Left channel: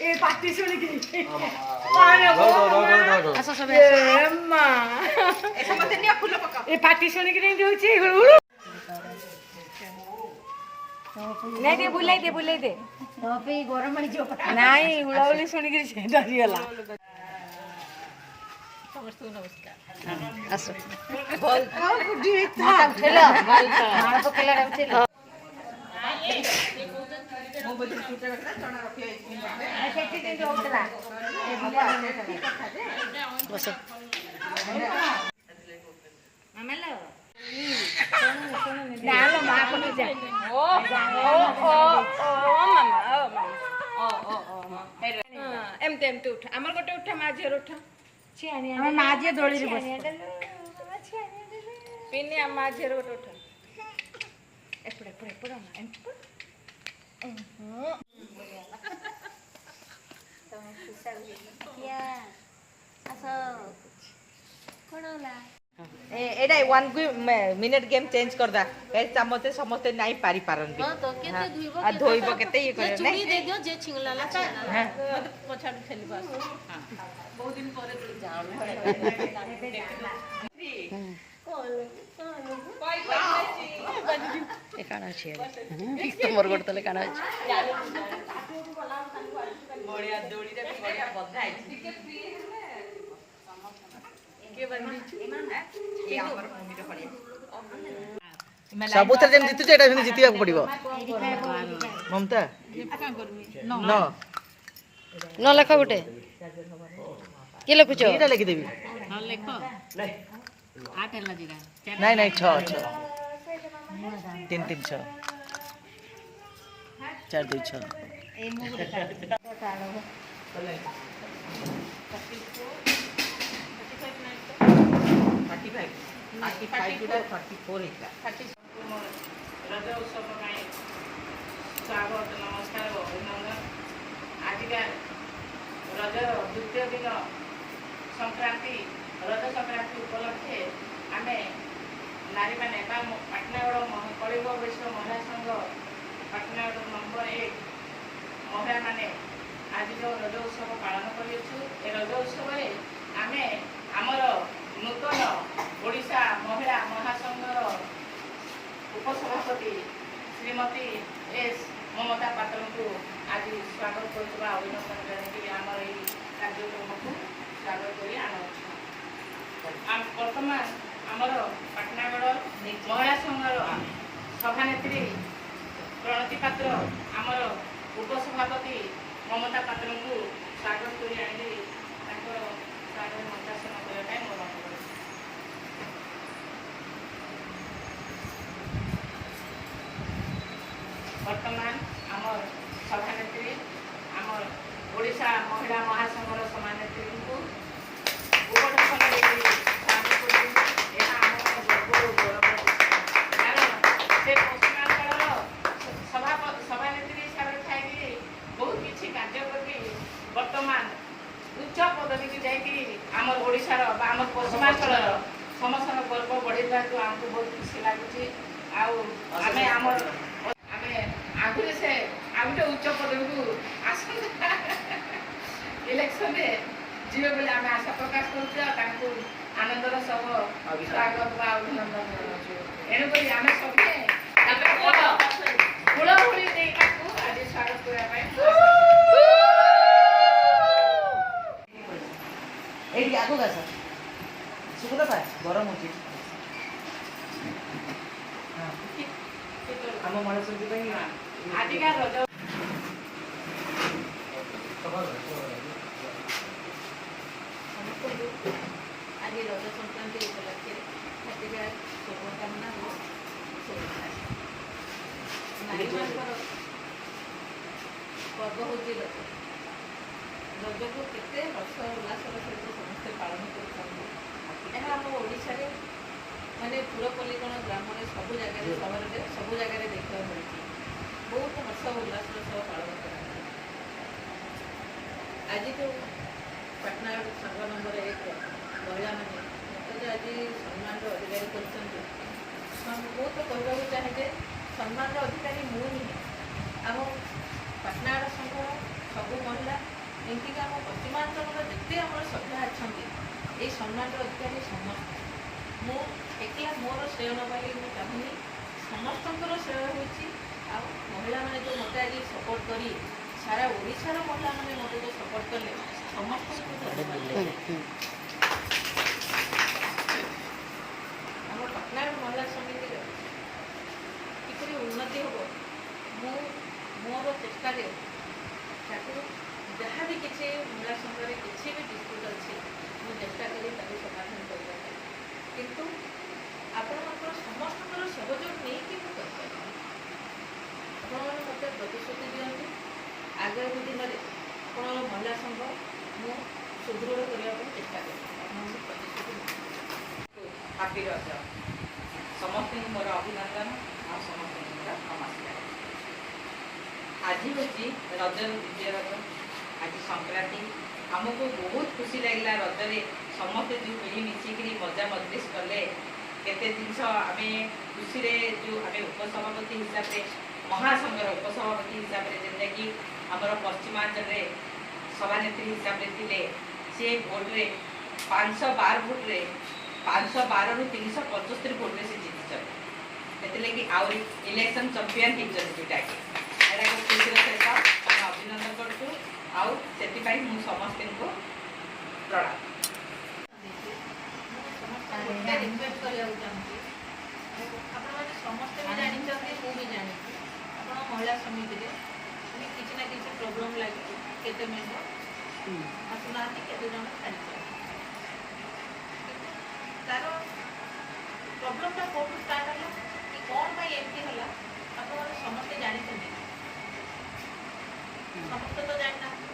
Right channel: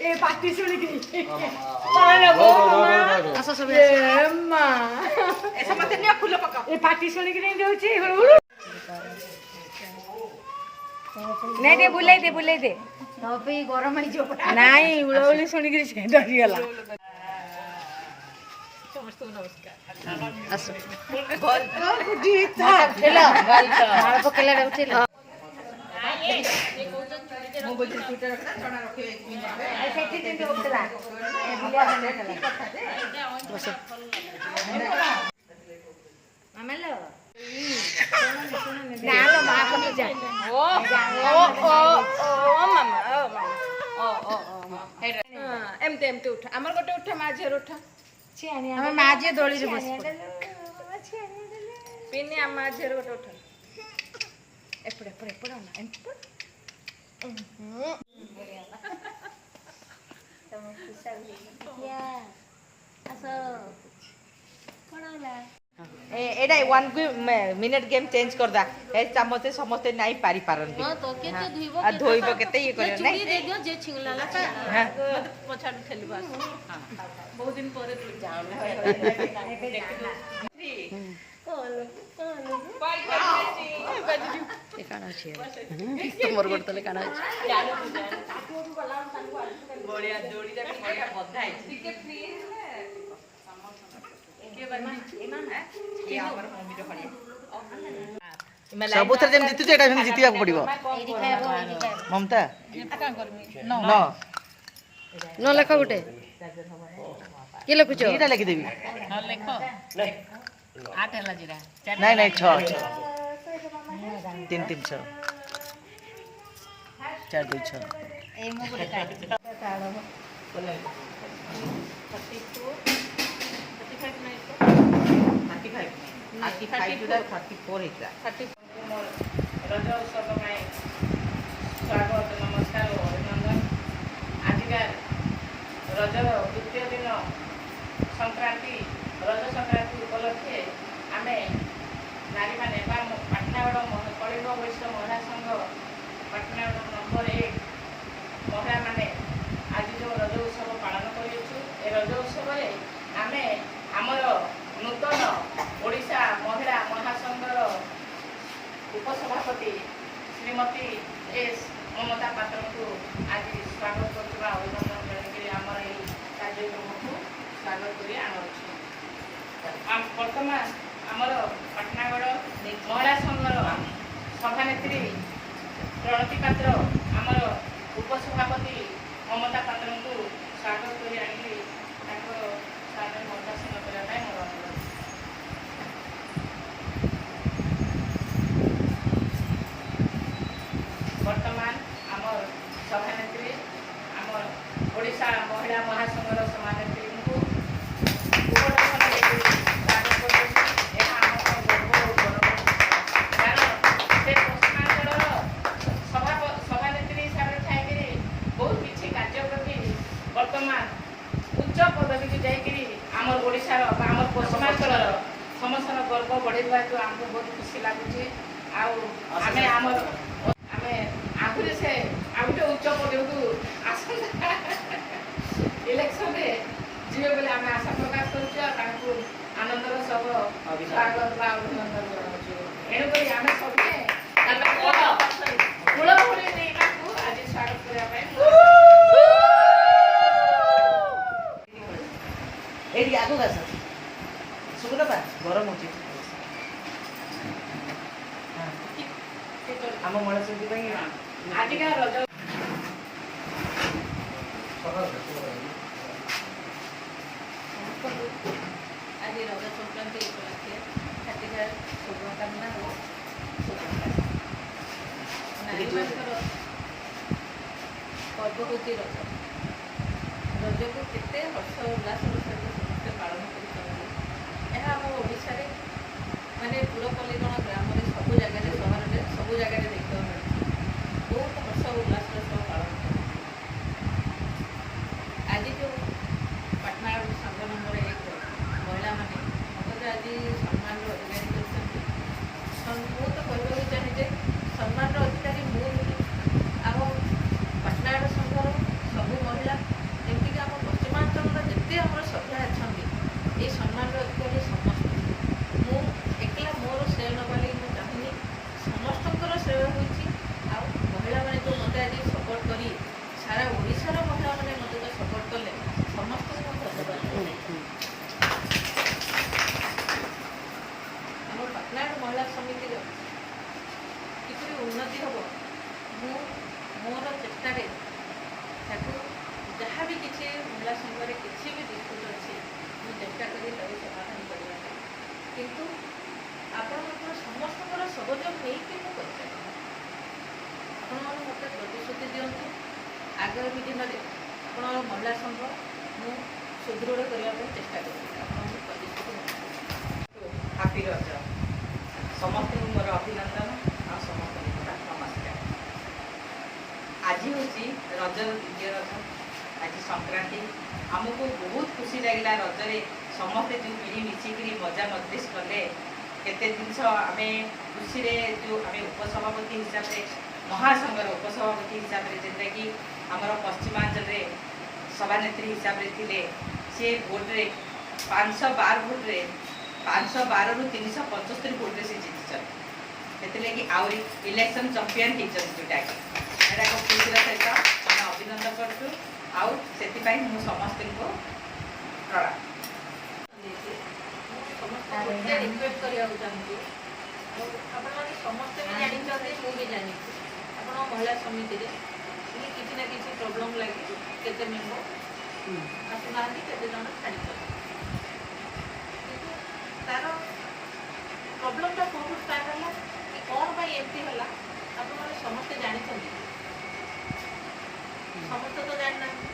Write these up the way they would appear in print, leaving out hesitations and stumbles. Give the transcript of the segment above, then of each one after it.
ए party शुणिकी ଆସ ସବୁ full पका ए पार्टी शुणिकी देउची नहीं दे बुलाई दे पे गरम आनी जो नहीं उड़ाउली शुणिकी से डरी गला आसो बोल हेलो मार पकेला उठेला बस डालो मां को नहीं जा ओ मामा एमते उठा हमर गोटे उठा मा झेर उठा हम माजे दोली रे बस पिन्नी आ मा झेर गोटे उठा एपड़े ना एटा 1 मिनिट गेम चेंज कर दा ए चमचे समस्ते नहीं पारी पारन भी आ धोइबो केते ये करे नहीं दे दियो जे छिंगलाला हां मत पछाड़ खेलबा हां बहुत दिन परे जाम ए काना छे तोमर गोट तले काना छे बढ़िया जोड़ी दा बढ़िया बधाई ठीक फ्री है के बंदी ये हमर मम्मी रो बढ़िया सबुथरे जेम जितु एटा जेम जितिबा पड़िबो ममता न न लेख गुटे के लिखुछ एटा लिखि देबी न लेख 8 हला जीरा नहीं नहीं 6 3 3 6 4 2 6 ए मो गोटे ताळो 35 जुड़ा 34 हिता रज उत्सव में स्वागत नमस्कार और अभिनंदन आज का रज द्वितीय दिन संक्रांति रज संक्रांति उपलक्षे आम नारी मैंने पाटनागढ़ कलिंग वैश्य महिला संघ पाटनागढ़ नंबर 1 महिला मैंने आज जो रज उत्सव पालन कर रज उत्सव आम आमर नूतन ओडिशा महिला महासंघर उपसभापति श्रीमती एस ममता पात्र को आज स्वागत कर अभिनंदन जन आमर ये कार्यक्रम को स्वागत कर बर्तमान आमर पाटनागढ़ महिला संघर सभानेत्री प्रणति पात्र आमर उपसभापति ममता पात्र को स्वागत कर मतासन करने मोर अनुरोध वर्तमान आमर सभानेत्री आमर ओडिशा महिला महासंघर सभानेत्री को सभानेत्री हिसाब से थी बहुत किसी कार्य करके वर्तमान उच्च पदवी की जाकरी आमर ओडिशार आमर पश्चिमांचल समस्त गर्व बढ़ेगा तो आमको बहुत खुशी लगुच आमे आमर आमे आगुरी से आगुटे उच्च पदवी को आसंता इलेक्शन में जीवे बोले आमे आशा प्रकाश करूँ आनंदर सह स्वागत बा अभिनंदन एणुक आमे सबे कूलभूमि आज स्वागत करने एडी आगो गास सुकुदा पा गरम होची हां हम मणा सुदी पई आज का रज आज रज संक्रांति उपलक्षे हार्दिक शुभकामना हो पर्व हूँ रज रज को केते हर्ष उल्लासर सहित समस्ते पालन कर माने पुरपल्लीगण ग्राम में सब जगह सहर में सब जगह देखा मिली बहुत हर्ष उल्लास सह पालन कर आज जो पटना संघ नंबर 1 महिला मैंने मत आज सम्मान अधिकारी कर तो कहवाक चाहे सम्मान अधिकारी मुझे आम पटना संघर सब महिला ଓଡ଼ିଶାର ମହିଳାମାନେ ମୋତେ ତ ସପୋର୍ଟ କଲେ ସମସ୍ତଙ୍କୁ ଧନ୍ୟବାଦ ଦେଉଛି। ଆମ ପାଟନାଗଡ଼ ମହିଳା ସମିତିର କିପରି ଉନ୍ନତି ହେବ ମୁଁ ମୋର ଚେଷ୍ଟାରେ ତାକୁ ଯାହା ବି କିଛି ମହିଳା ସଂଘରେ କିଛି ବି ଡିସ୍ପ୍ୟୁଟ୍ ଅଛି ମୁଁ ଚେଷ୍ଟା କରି ତାକୁ ସମାଧାନ କରିବାକୁ, କିନ୍ତୁ ଆପଣମାନଙ୍କର ସମସ୍ତଙ୍କର ସହଯୋଗ ନେଇକି ମୁଁ କରିପାରିବି। ଆପଣମାନେ ମୋତେ ପ୍ରତିଶ୍ରୁତି ଦିଅନ୍ତୁ ଆଗାମୀ ଦିନରେ ଆପଣଙ୍କର ମହିଳା ସଂଘ ମୁଁ ସୁଦୃଢ଼ କରିବା ପାଇଁ ଚେଷ୍ଟା କରିବି। ଆପଣଙ୍କୁ ପ୍ରତିଶ୍ରୁତି ନେବି। ହାପି ରଜ ସମସ୍ତଙ୍କୁ ମୋର ଅଭିନନ୍ଦନ ଆଉ ସମସ୍ତଙ୍କୁ ମୋର ନମସ୍କାର। ଆଜି ହେଉଛି ରଜର ଦ୍ୱିତୀୟ ରଜ, ଆଜି ସଂକ୍ରାନ୍ତି। ଆମକୁ ବହୁତ ଖୁସି ଲାଗିଲା ରଜରେ ସମସ୍ତେ ଯେଉଁ ମିଳିମିଶିକିରି ମଜା ମଜଲିସ କଲେ, କେତେ ଜିନିଷ ଆମେ ଖୁସିରେ ଯେଉଁ ଆମେ ଉପସଭାପତି ହିସାବରେ ମହାସଂଘର ଉପସଭାପତି ହିସାବରେ ଯେନ୍ଟାକି ଆମର ପଶ୍ଚିମାଞ୍ଚଳରେ ସଭାନେତ୍ରୀ ହିସାବରେ ଥିଲେ, ସେ ଭୋଟରେ 512 ଭୋଟରେ 512ରୁ 375 ଭୋଟରେ ସେ ଜିତିଛନ୍ତି। ସେଥିଲାଗି ଆହୁରି ଇଲେକ୍ସନ୍ ଚମ୍ପିଅନ୍ ହେଇଛନ୍ତି ଦୁଇଟାକେ। ଏଇଟା ଏକ ଖୁସିର ସହିତ ଆମେ ଅଭିନନ୍ଦନ କରୁଛୁ ଆଉ ସେଥିପାଇଁ ମୁଁ ସମସ୍ତଙ୍କୁ ପ୍ରଣାମ। ସମସ୍ତଙ୍କୁ ରିକ୍ୱେଷ୍ଟ କରିବାକୁ ଚାହୁଁଛି, ଆଉ ଆପଣମାନେ ସମସ୍ତେ ବି ଜାଣିଛନ୍ତି, ମୁଁ ବି ଜାଣିଛି ଆପଣ ମହିଳା ସମିତିରେ କିଛି ନା କିଛି ପ୍ରୋବ୍ଲେମ୍ ଲାଗିଛି। କେତେ ମେମ୍ବର ଆସୁନାହାନ୍ତି, କେତେ ଜଣ ଛାଡ଼ିଛନ୍ତି, କିନ୍ତୁ ତାର ପ୍ରୋବ୍ଲେମ୍ଟା କେଉଁଠୁ ଷ୍ଟାର୍ଟ ହେଲା କି କ'ଣ ପାଇଁ ଏମିତି ହେଲା ଆପଣମାନେ ସମସ୍ତେ ଜାଣିଛନ୍ତି? ସମସ୍ତେ ତ ଜାଣିନାହାନ୍ତି।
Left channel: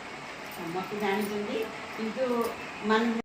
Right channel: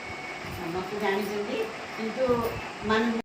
ସମସ୍ତେ ଜାଣିଛନ୍ତି କିନ୍ତୁ ମାନେ